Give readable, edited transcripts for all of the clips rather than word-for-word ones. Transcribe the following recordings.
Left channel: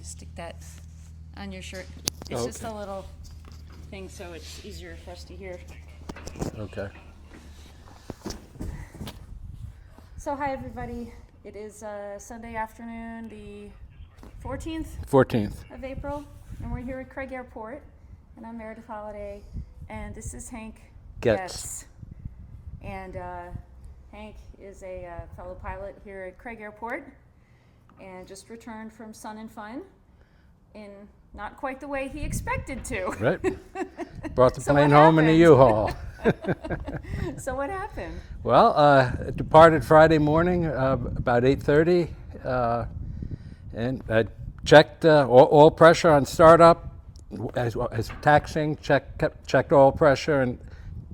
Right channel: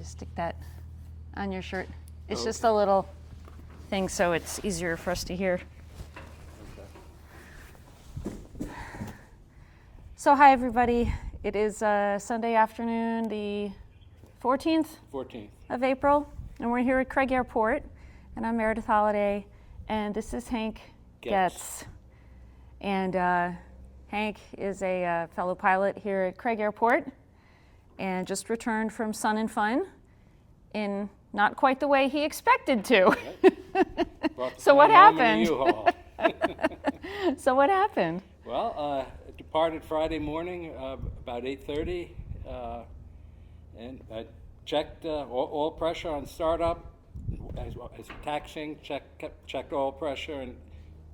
Just stick that on your shirt. It's just a little thing so it's easier for us to hear. Okay. So hi everybody. It is Sunday afternoon, the 14th 14th. of April, and we're here at Craig Airport, and I'm Meredith Holiday, and this is Hank Getz. And Hank is a fellow pilot here at Craig Airport and just returned from Sun and Fun in not quite the way he expected to. Right. Brought the So plane what home in a happened? U-Haul. So what happened? Well, departed Friday morning about 8:30, and I checked oil pressure on startup as taxiing. Checked oil pressure and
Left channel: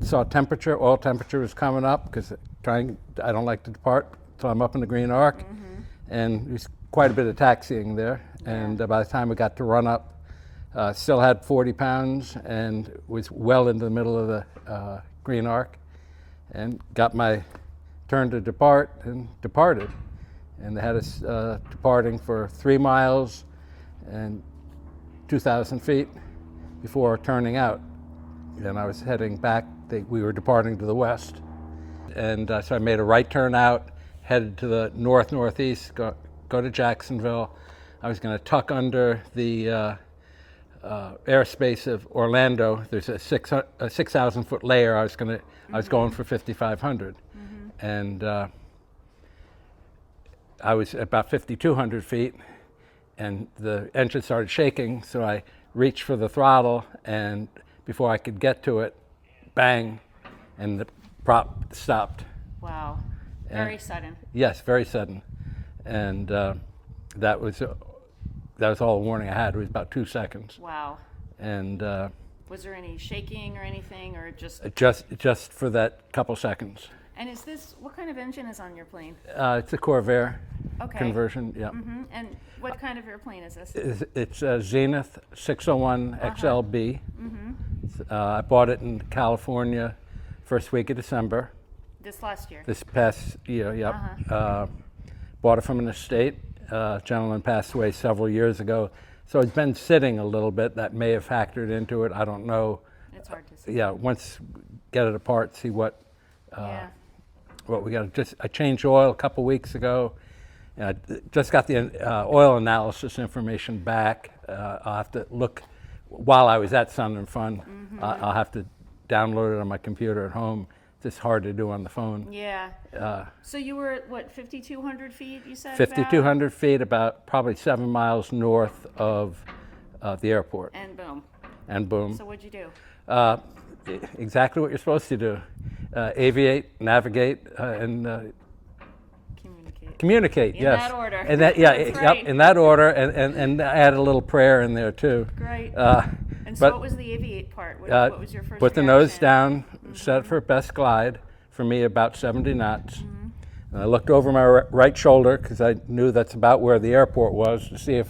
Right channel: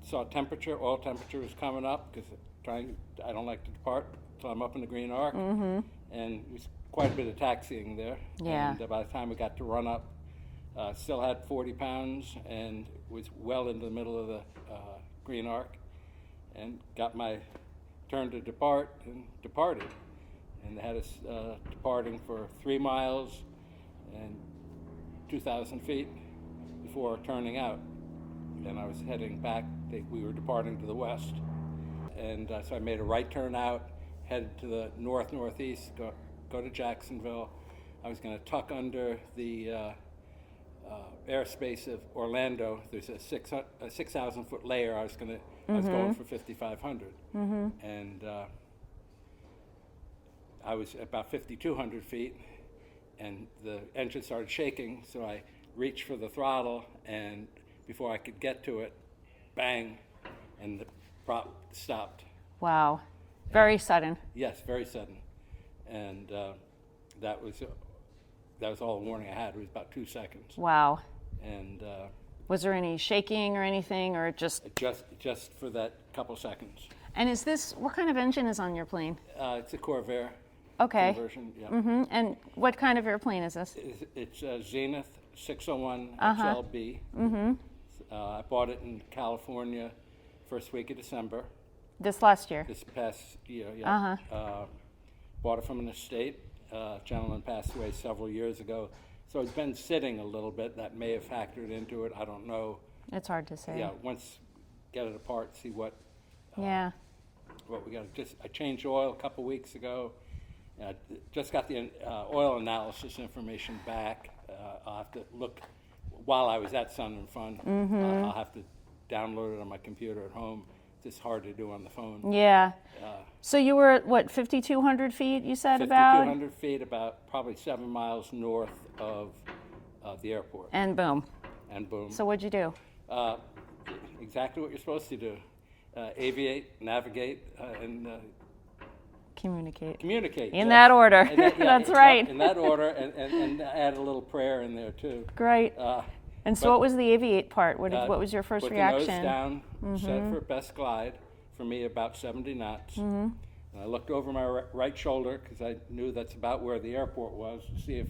saw temperature. Oil temperature was coming up because I don't like to depart until I'm up in the green arc, and there's quite a bit of taxiing there. Yeah. And by the time we got to run up, still had 40 pounds and was well into the middle of the green arc, and got my turn to depart and departed. And they had us departing for 3 miles and 2,000 feet before turning out. And I was heading back. We were departing to the west. And so I made a right turn out, headed to the northeast, go to Jacksonville. I was going to tuck under the airspace of Orlando. There's a 6,000 foot layer. I was going for 5,500, and I was about 5,200 feet, and the engine started shaking. So I reached for the throttle, and before I could get to it, bang, and the prop stopped. Wow. Very sudden. Yes, very sudden, and that was all the warning I had. It was about 2 seconds. Wow. And Was there any shaking or anything, or just for that couple seconds. And is this, what kind of engine is on your plane? It's a Corvair Okay. conversion. Yeah. And what kind of airplane is this? It's a Zenith 601 XLB. I bought it in California first week of December. This last year? This past year, yeah. Bought it from an estate. Gentleman passed away several years ago. So it's been sitting a little bit. That may have factored into it. I don't know. It's hard to say. Yeah, once get it apart, see what we got. I changed oil a couple weeks ago. And I just got the oil analysis information back. I'll have to look while I was at Sun and Fun. I'll have to download it on my computer at home. It's hard to do on the phone. Yeah. So you were at what, 5,200 feet? You said 5,200 feet, about probably 7 miles north of the airport. And boom. And boom. So what'd you do? Exactly what you're supposed to do: aviate, navigate, and Communicate. In yes. that order. And that, That's right. Yep, in that order, and add a little prayer in there too. Great. And so what was the aviate part? What was your first put reaction? the nose down, set for best glide. For me, about 70 knots. And I looked over my right shoulder because I knew that's about where the airport was, to see if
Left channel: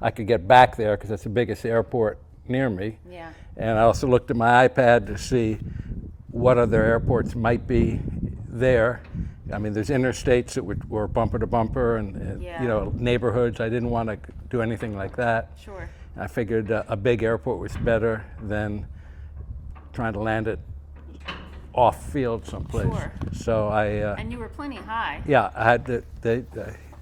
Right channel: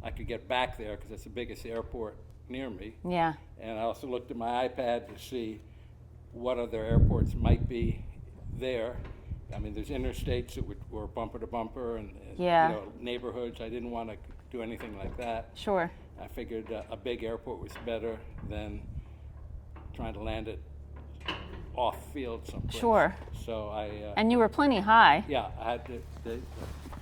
I could get back there, because that's the biggest airport near me. Yeah. And I also looked at my iPad to see what other airports might be there. I mean, there's interstates that were bumper to bumper, and neighborhoods. I didn't want to do anything like that. Sure. I figured a big airport was better than trying to land it off field someplace. Sure. So And you were plenty high. yeah, I had the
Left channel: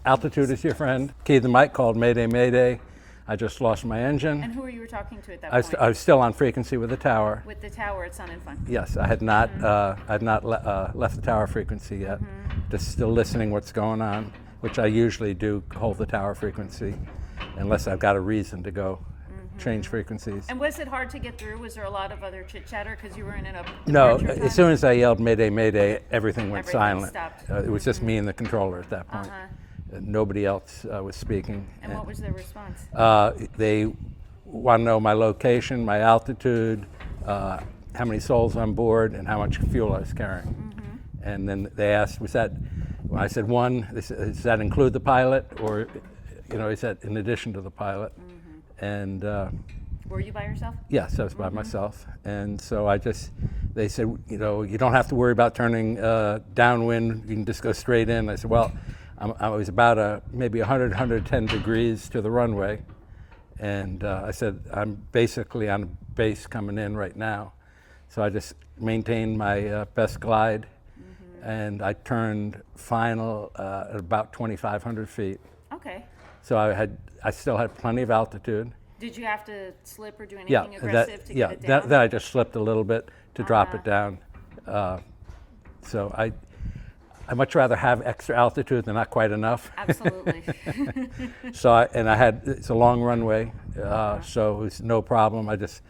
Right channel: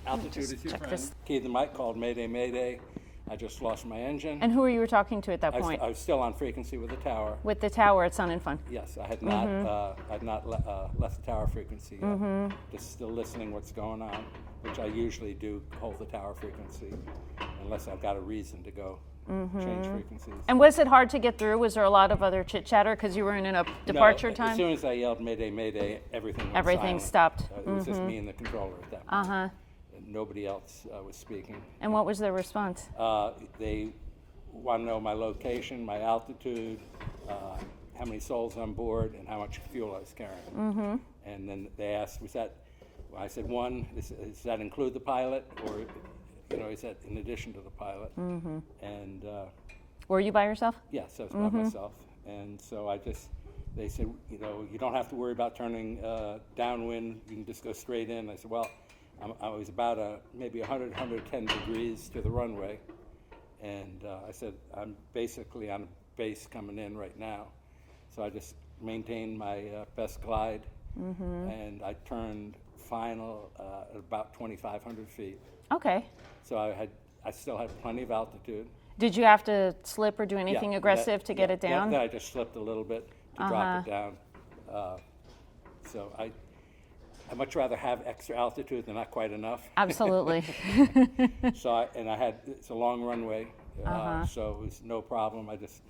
altitude is your friend. Keyed the mic, called Mayday, Mayday. I just lost my engine. And who were you talking to at that point? I was still on frequency with the tower. With the tower at Sun and Fun. Yes, I had not left the tower frequency yet. Just still listening what's going on, which I usually do, hold the tower frequency, unless I've got a reason to go change frequencies. And was it hard to get through? Was there a lot of other chit chatter because you were in a No, departure time? as soon as I yelled Mayday, Mayday, everything went silent. Stopped. It was just me and the controller at that point. Nobody else was speaking. And what was their response? They want to know my location, my altitude, how many souls on board, and how much fuel I was carrying. And then they asked, when I said one, does that include the pilot, or is that in addition to the pilot? And were you by yourself? yes, I was by myself. And so they said, you don't have to worry about turning downwind, you can just go straight in. I said, well, I was about maybe 100, 110 degrees to the runway. And I said, I'm basically on a base coming in right now. So I just maintained my best glide, and I turned final at about 2,500 feet. Okay. So I still had plenty of altitude. Did you have to slip or do anything aggressive to get it down? Then I just slipped a little bit to drop it down. So I much rather have extra altitude than not quite enough. Absolutely. So it's a long runway, so it was no problem. I just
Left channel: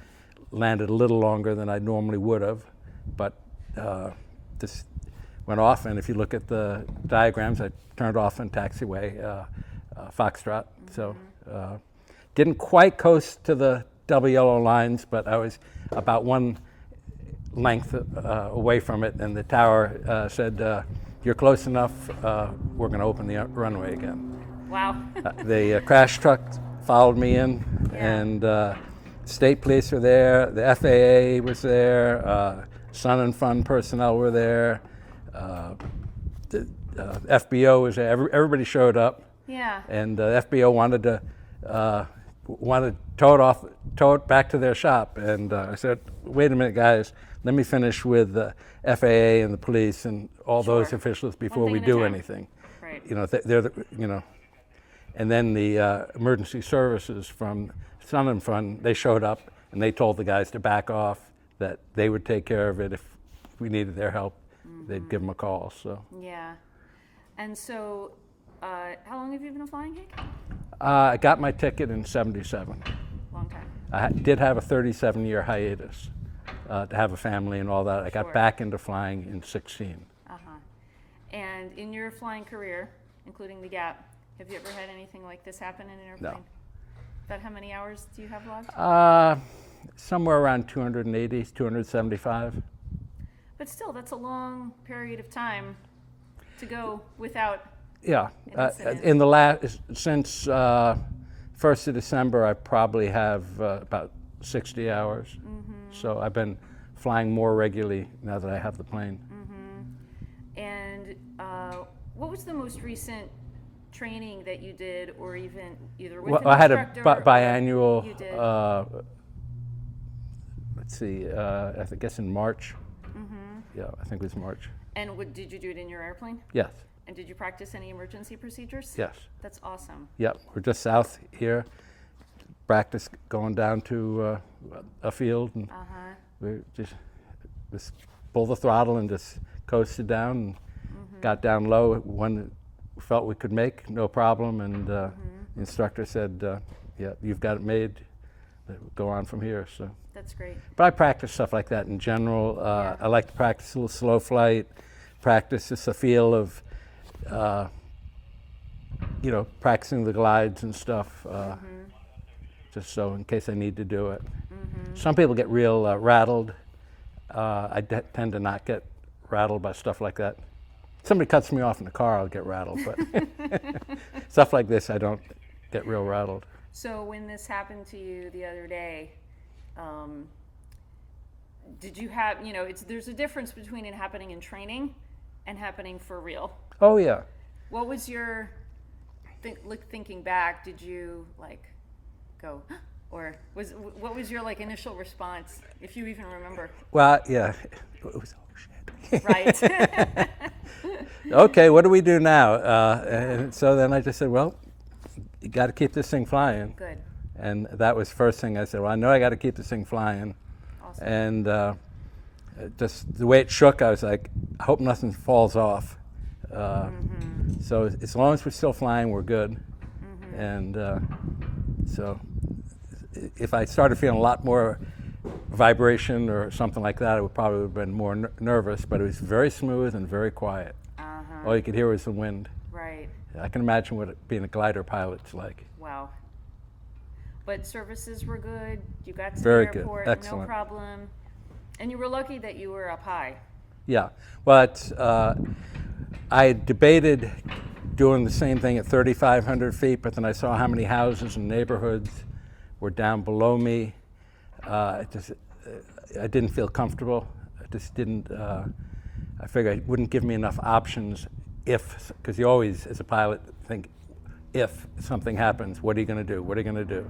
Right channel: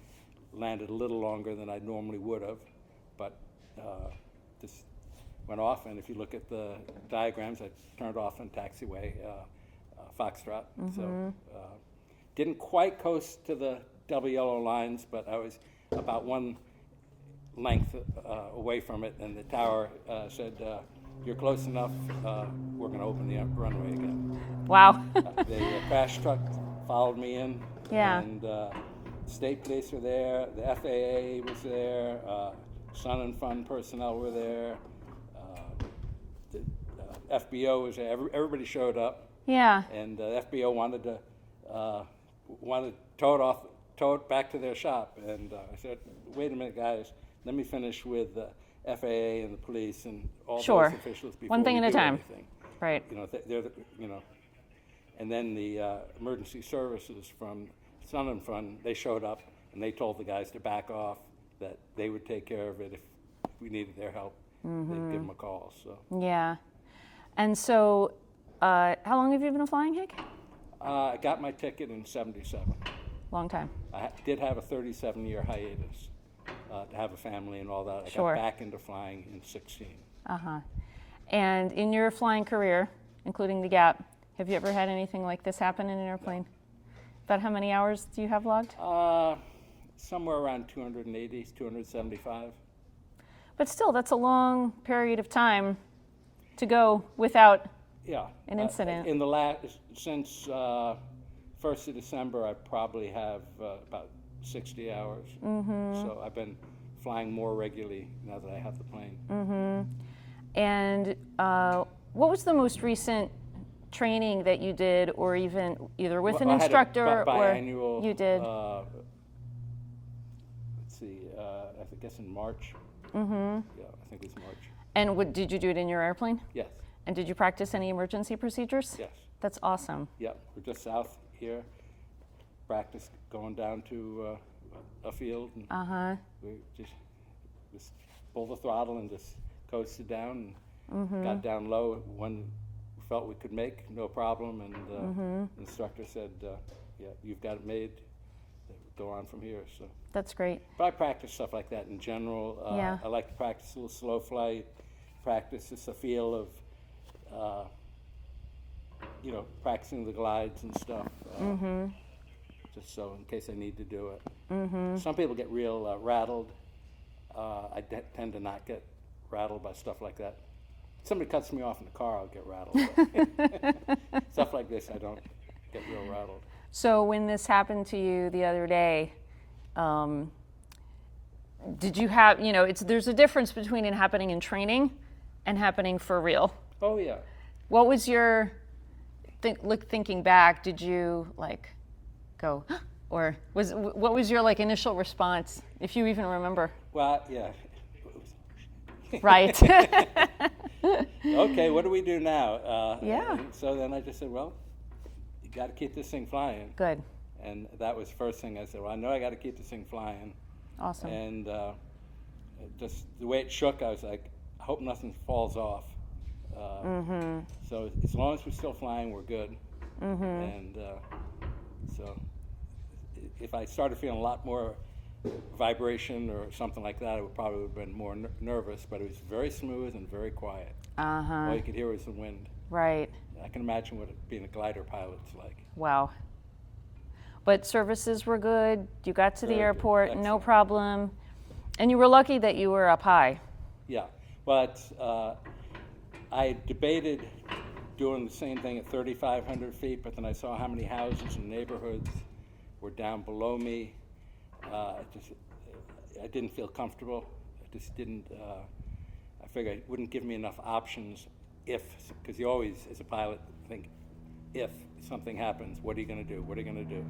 landed a little longer than I normally would have, but just went off. And if you look at the diagrams, I turned off in taxiway, Foxtrot. So didn't quite coast to the double yellow lines, but I was about one length away from it, and the tower said, "You're close enough. We're going to open the runway again." Wow. The crash truck followed me in, and state police were there. The FAA was there. Sun and Fun personnel were there. The FBO was there. Everybody showed up. Yeah. And the FBO wanted to tow it back to their shop. And I said, "Wait a minute, guys. Let me finish with the FAA and the police and all those officials before we do anything." Right. And then the emergency services from Sun and Fun, they showed up and they told the guys to back off, that they would take care of it if we needed their help. They'd give them a call. So. Yeah. And so, how long have you been flying, Hank? I got my ticket in '77. Long time. I did have a 37-year hiatus to have a family and all that. I got back into flying in '16. And in your flying career, including the gap, have you ever had anything like this happen in an airplane? No. About how many hours do you have logged? Somewhere around 280, 275. But still, that's a long period of time to go without an incident. In the since 1st of December, I probably have about 60 hours. So I've been flying more regularly now that I have the plane. And what was the most recent training that you did, or even either with an instructor? I had a biannual. You did. Let's see. I guess in March. Yeah, I think it was March. And did you do it in your airplane? Yes. And did you practice any emergency procedures? Yes. That's awesome. Yep. We're just south here. Practice going down to a field, and we just pull the throttle and just coasted down and got down low. One we felt we could make, no problem, and the instructor said, "Yeah, you've got it made. Go on from here." So that's great. But I practice stuff like that in general. I like to practice a little slow flight, practice just a feel of, practicing the glides and stuff. Just so in case I need to do it. Some people get real rattled. I tend to not get rattled by stuff like that. Somebody cuts me off in the car, I'll get rattled. But stuff like this, I don't get real rattled. So when this happened to you the other day, did you have, there's a difference between it happening in training and happening for real. Oh, yeah. What was your, thinking back, did you go, or what was your initial response, if you even remember? Well, yeah, it was, oh shit. Right. Okay, what do we do now? And so then I just said, well, you got to keep this thing flying. Good. And that was the first thing I said, well, I know I got to keep this thing flying. Awesome. And just the way it shook, I was like, I hope nothing falls off. So as long as we're still flying, we're good. And so if I started feeling a lot more vibration or something like that, I would probably have been more nervous, but it was very smooth and very quiet. All you could hear was the wind. Right. I can imagine what being a glider pilot's like. Wow. But services were good. You got to Very the airport, good. no Excellent. problem. And you were lucky that you were up high. Yeah. But I debated doing the same thing at 3,500 feet, but then I saw how many houses and neighborhoods were down below me. I didn't feel comfortable. I just didn't. I figured it wouldn't give me enough options because you always, as a pilot, think if something happens, what are you going to do? What are you going to do?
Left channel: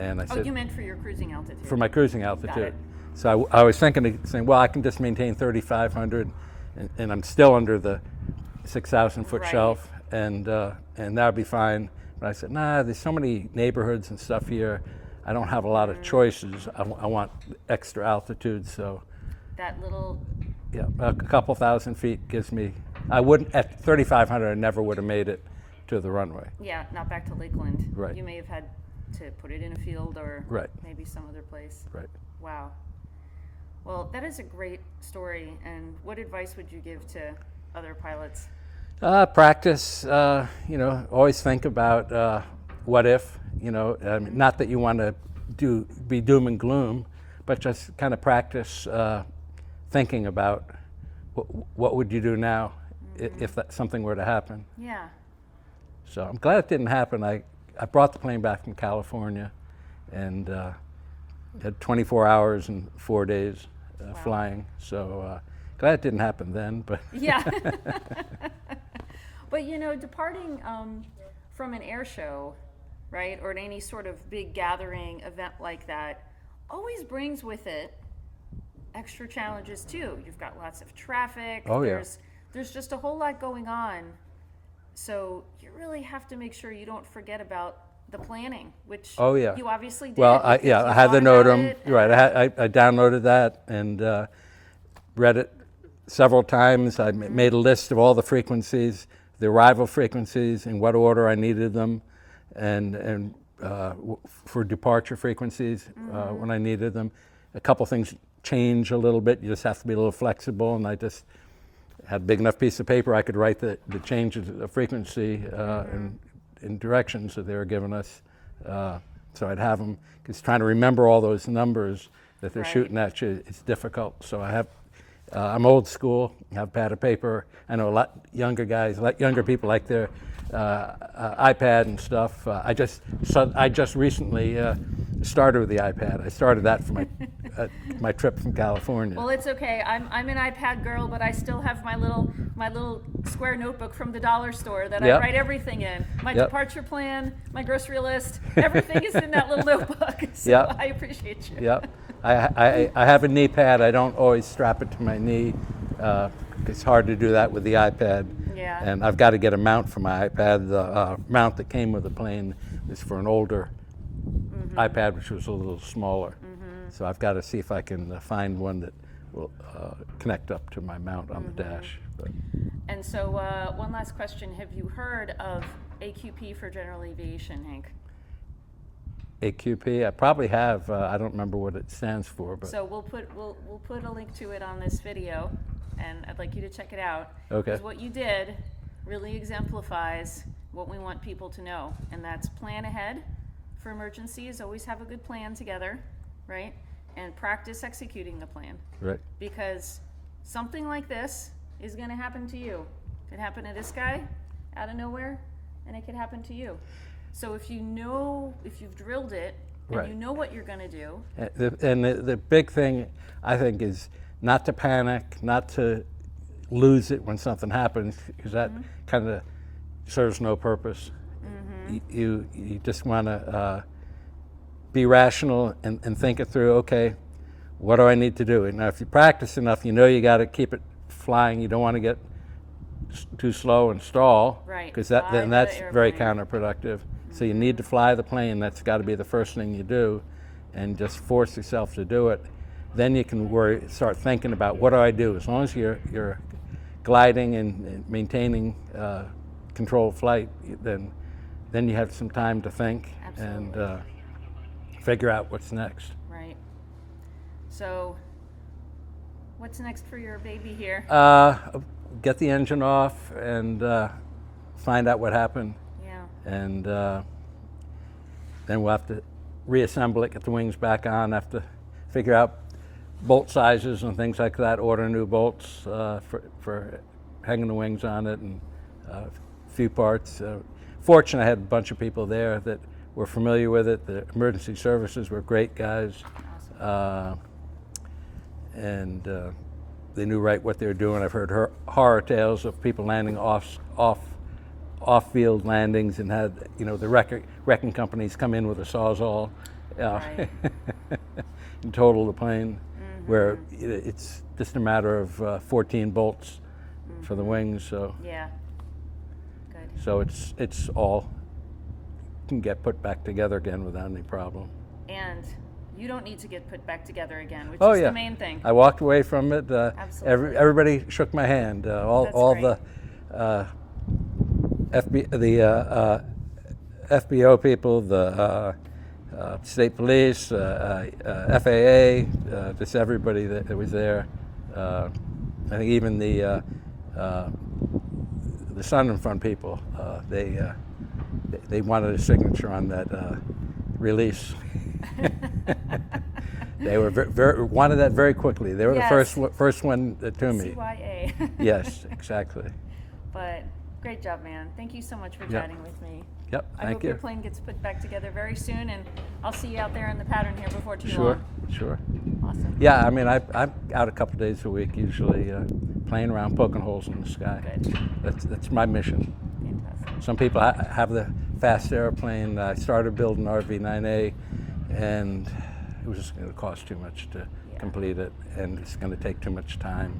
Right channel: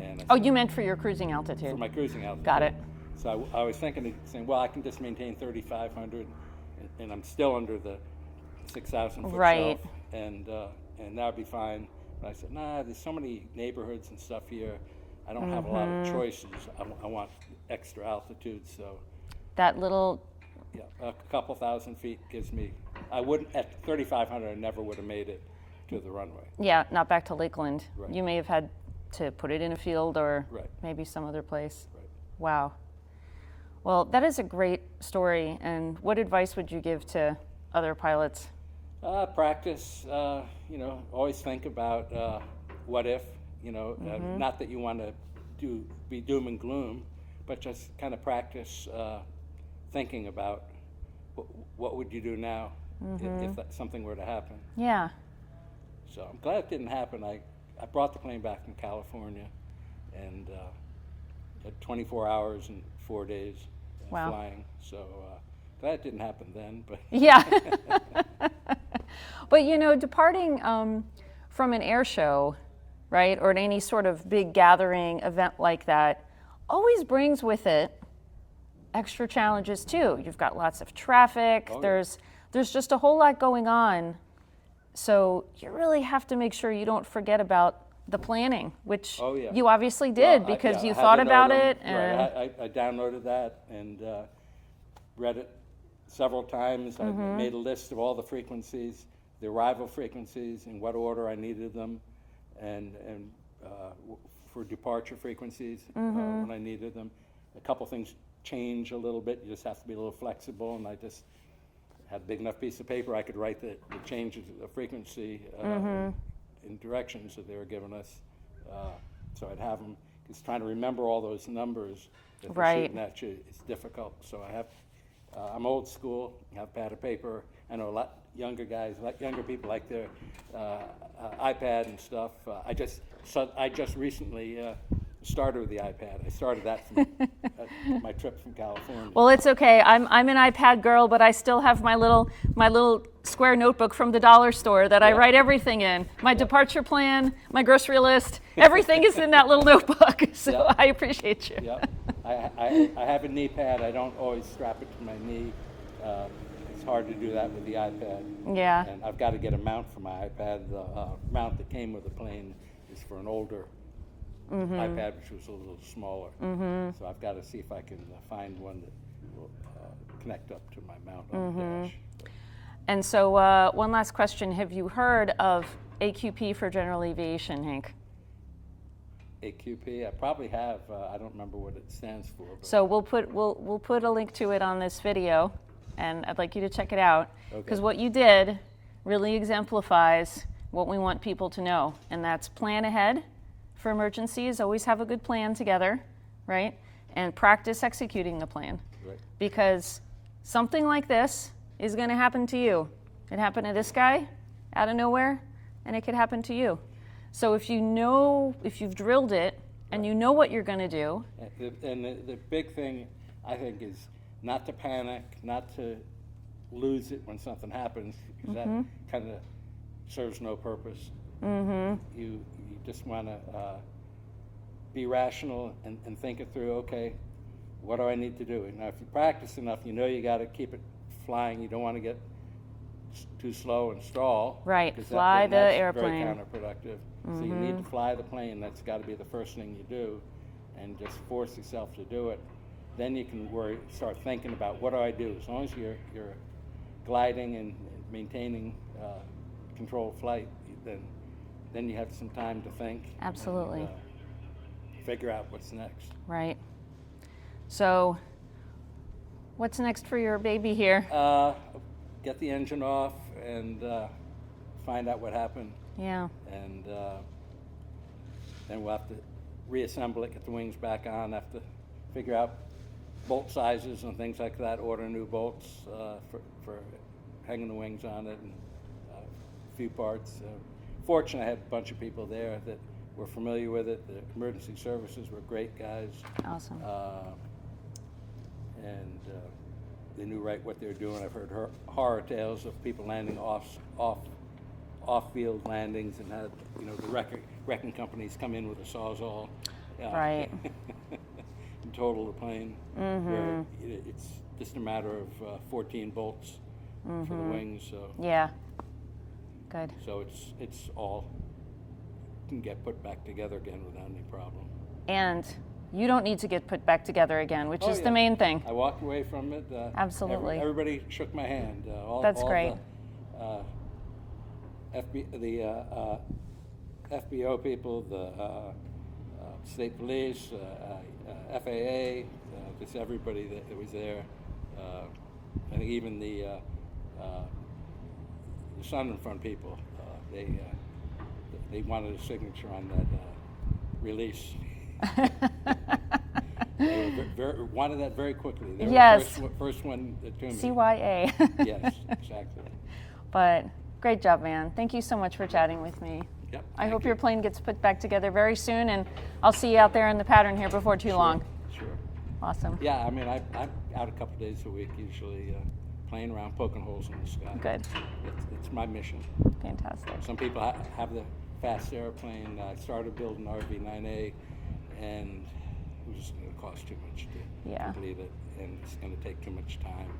And I Oh, said, you meant for your cruising altitude. for my cruising altitude. Got it. So I was saying, well, I can just maintain 3,500, and I'm still under the 6,000 foot Right. shelf, and that would be fine. But I said, nah, there's so many neighborhoods and stuff here. I don't have a lot of choices. I want extra altitude, so That little, yeah, a couple thousand feet gives me. I wouldn't at 3,500. I never would have made it to the runway. yeah, not back to Lakeland. Right. You may have had to put it in a field or Right. maybe some other place. Right. Wow. Well, that is a great story. And what advice would you give to other pilots? Practice. Always think about what if. Not that you want to be doom and gloom, but just kind of practice thinking about what would you do now if something were to happen. Yeah. So I'm glad it didn't happen. I brought the plane back from California, and had 24 hours and 4 days Wow. flying. So glad it didn't happen then. But Yeah. But departing from an air show, right, or any sort of big gathering event like that, always brings with it extra challenges too. You've got lots of traffic. Oh, yeah. There's just a whole lot going on. So you really have to make sure you don't forget about the planning, which Oh, yeah. you obviously did well, because you I had thought the about NOTAM. it. Right, I downloaded that and read it several times. I made a list of all the frequencies, the arrival frequencies, in what order I needed them, and for departure frequencies when I needed them. A couple things change a little bit. You just have to be a little flexible, and I just had a big enough piece of paper I could write the changes of frequency in directions that they were giving us. So I'd have them, because trying to remember all those numbers that they're Right. shooting at you, it's difficult. So I'm old school, I have pad of paper. I know a lot younger guys, younger people like their iPad and stuff. I just recently started with the iPad. I started that for my trip from California. Well, it's okay. I'm an iPad girl, but I still have my little square notebook from the dollar store that I Yep. write everything in. My Yep. departure plan, my grocery list, everything is in that little notebook. So Yep. I appreciate you. Yep. I have a knee pad. I don't always strap it to my knee. It's hard to do that with the iPad. Yeah. And I've got to get a mount for my iPad. The mount that came with the plane is for an older iPad, which was a little smaller. So I've got to see if I can find one that will connect up to my mount on the dash. But And so one last question. Have you heard of AQP for general aviation, Hank? AQP, I probably have. I don't remember what it stands for. But So we'll put a link to it on this video, and I'd like you to check it out. Okay. Because what you did really exemplifies what we want people to know, and that's plan ahead for emergencies. Always have a good plan together, right? And practice executing the plan. right. Because something like this is going to happen to you. It happened to this guy out of nowhere, and it could happen to you. So if you've drilled it, and Right. you know what you're going to do, And the big thing, I think, is not to panic, not to lose it when something happens, because that kind of serves no purpose. You just want to be rational and think it through. Okay, what do I need to do? And now, if you practice enough, you know you got to keep it flying. You don't want to get too slow and stall, Right, because fly then the that's very airplane. counterproductive. So you need to fly the plane. That's got to be the first thing you do, and just force yourself to do it. Then you can start thinking about, what do I do? As long as you're gliding and maintaining controlled flight, then you have some time to think Absolutely. and figure out what's next. right? So what's next for your baby here? Get the engine off and find out what happened, Yeah. and then we'll have to reassemble it, get the wings back on, have to figure out bolt sizes and things like that, order new bolts for hanging the wings on it, and a few parts. Fortunately, I had a bunch of people there that were familiar with it. The emergency services were great guys. Awesome. And they knew right what they were doing. I've heard horror tales of people landing off off-field landings and had, you know, the wrecking companies come in with a Sawzall Right. and total the plane, where it's just a matter of 14 bolts for the wings. So Yeah. Good. so it's all can get put back together again without any problem. And you don't need to get put back together again, which Oh, is yeah. the main thing. I walked away from it. Absolutely. Everybody shook my hand. That's All great. the FBO people, the state police, FAA, just everybody that was there. I think even the Sun and Front people, they wanted a signature on that release. They were wanted that very quickly. They were Yes. the first one to me. CYA. Yes, exactly. But great job, man. Thank you so much for chatting with me. Yep. I thank hope you. your plane gets put back together very soon, and I'll see you out there in the pattern here before too long. Sure. Awesome. Yeah, I mean, I'm out a couple days a week, usually playing around, poking holes in the sky. Good. That's my mission. Fantastic. Some people have the fast airplane. I started building RV-9A, and it was just going to cost too much to Yeah. complete it, and it's going to take too much time.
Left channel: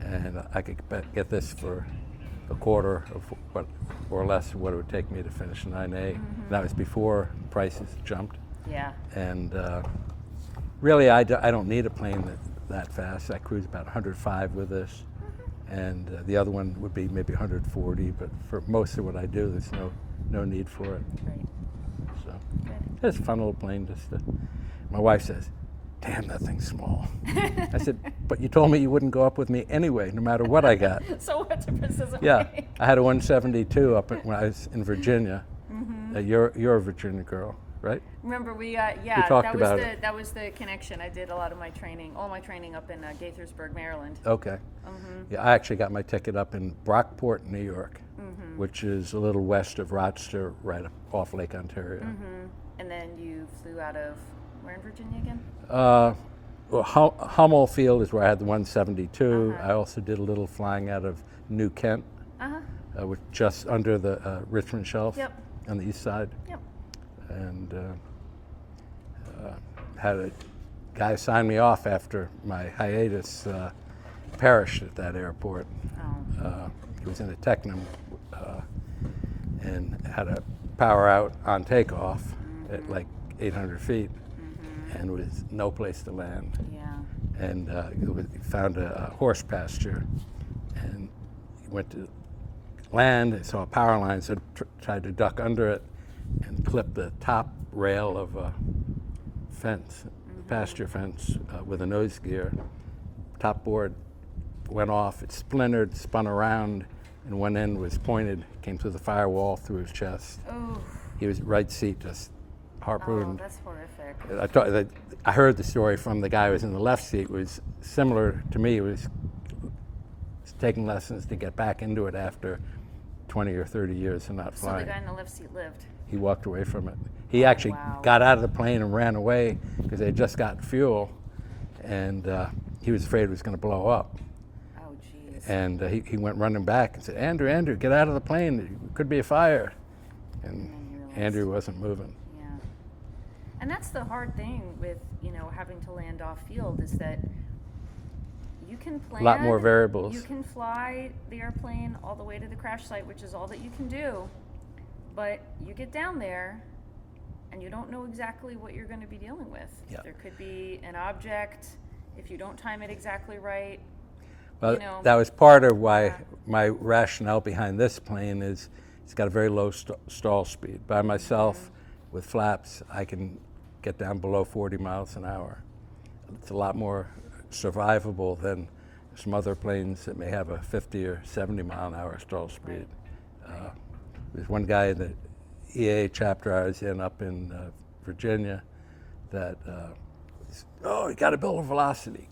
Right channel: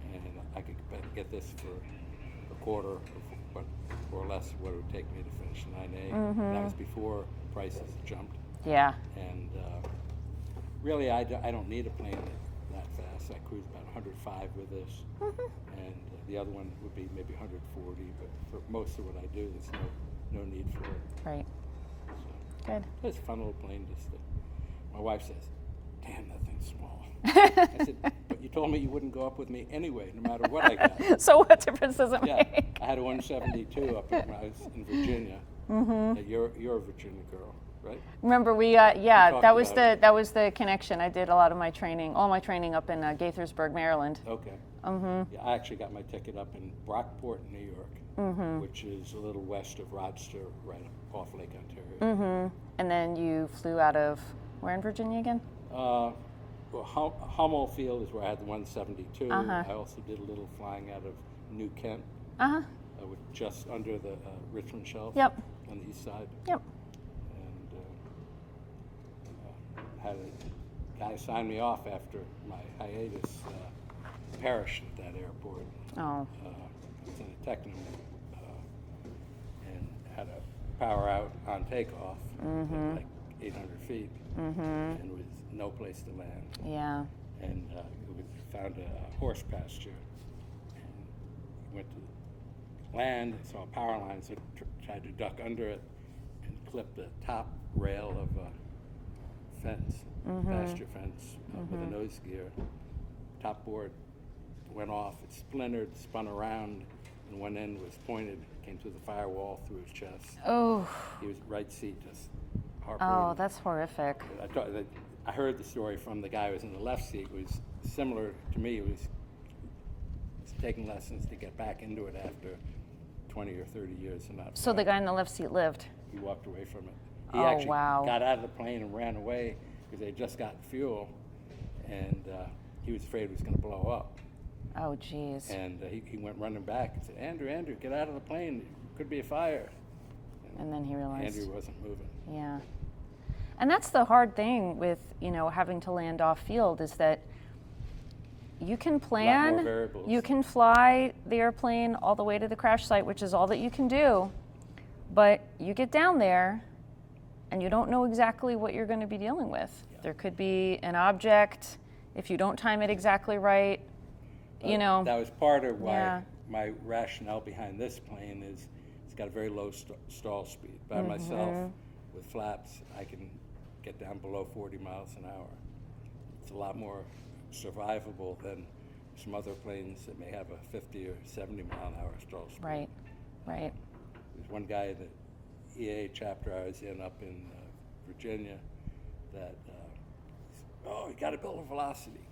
And I could get this for a quarter of what, or less, of what it would take me to finish a 9A. That was before prices jumped. Yeah. And really, I don't need a plane that fast. I cruise about 105 with this, and the other one would be maybe 140. But for most of what I do, there's no need for it. Right. So Good. it's a fun little plane. My wife says, "Damn, that thing's small." I said, "But you told me you wouldn't go up with me anyway, no matter what I got." So what difference does it Yeah, make? I had a 172 up when I was in Virginia. You're a Virginia girl, right? Remember, talked about it. that was the connection. I did a lot of my training, all my training up in Gaithersburg, Maryland. Okay. Yeah, I actually got my ticket up in Brockport, New York, which is a little west of Rochester, right up off Lake Ontario. And then you flew out of where in Virginia again? Well, Hummel Field is where I had the 172. I also did a little flying out of New Kent, which just under the Richmond Shelf Yep. on the east side. Yep. And had a guy sign me off after my hiatus perished at that airport. Oh. He was in a Technam and had a power out on takeoff at like 800 feet and was no place to land. Yeah. And he found a horse pasture and he went to land, saw a power line, so tried to duck under it and clipped the top rail of a fence, pasture fence with a nose gear. Top board went off, it splintered, spun around, and one end was pointed, came through the firewall, through his chest. Oh. He was right seat, just harpooned. Oh, that's horrific. I heard the story from the guy who was in the left seat. It was similar to me. It was taking lessons to get back into it after 20 or 30 years of not flying. So the guy in the left seat lived. He walked away from it. He Oh, actually wow. got out of the plane and ran away because they had just gotten fuel, and he was afraid it was going to blow up. Oh, geez. And he went running back and said, Andrew, get out of the plane. There could be a fire. And then he realized. Andrew wasn't moving. Yeah. And that's the hard thing with, having to land off field is that you can plan. A lot more variables. You can fly the airplane all the way to the crash site, which is all that you can do. But you get down there and you don't know exactly what you're going to be dealing with. Yeah. There could be an object, if you don't time it exactly right. But that was part of why Yeah. my rationale behind this plane is it's got a very low stall speed. By myself, with flaps, I can get down below 40 miles an hour. It's a lot more survivable than some other planes that may have a 50 or 70 mile an hour stall speed. Right. There's one guy in the EA chapter I was in up in Virginia that you got to build a velocity,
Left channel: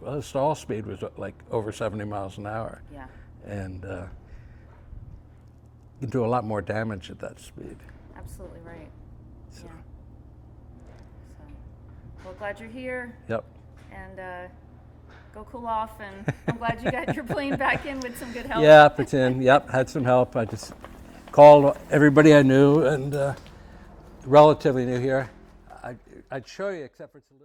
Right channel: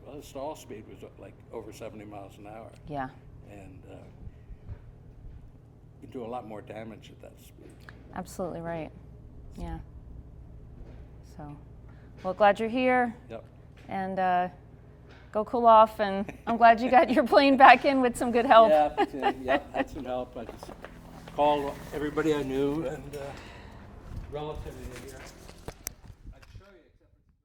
Well, the stall speed was like over 70 miles an hour. Yeah. And you can do a lot more damage at that speed. Absolutely right. Yeah. So, well, glad you're here. Yep. And go cool off, and I'm glad you got your plane back in with some good help. Yep, it's in. Yep, had some help. I just called everybody I knew and relatively new here. I'd show you, except for it's a little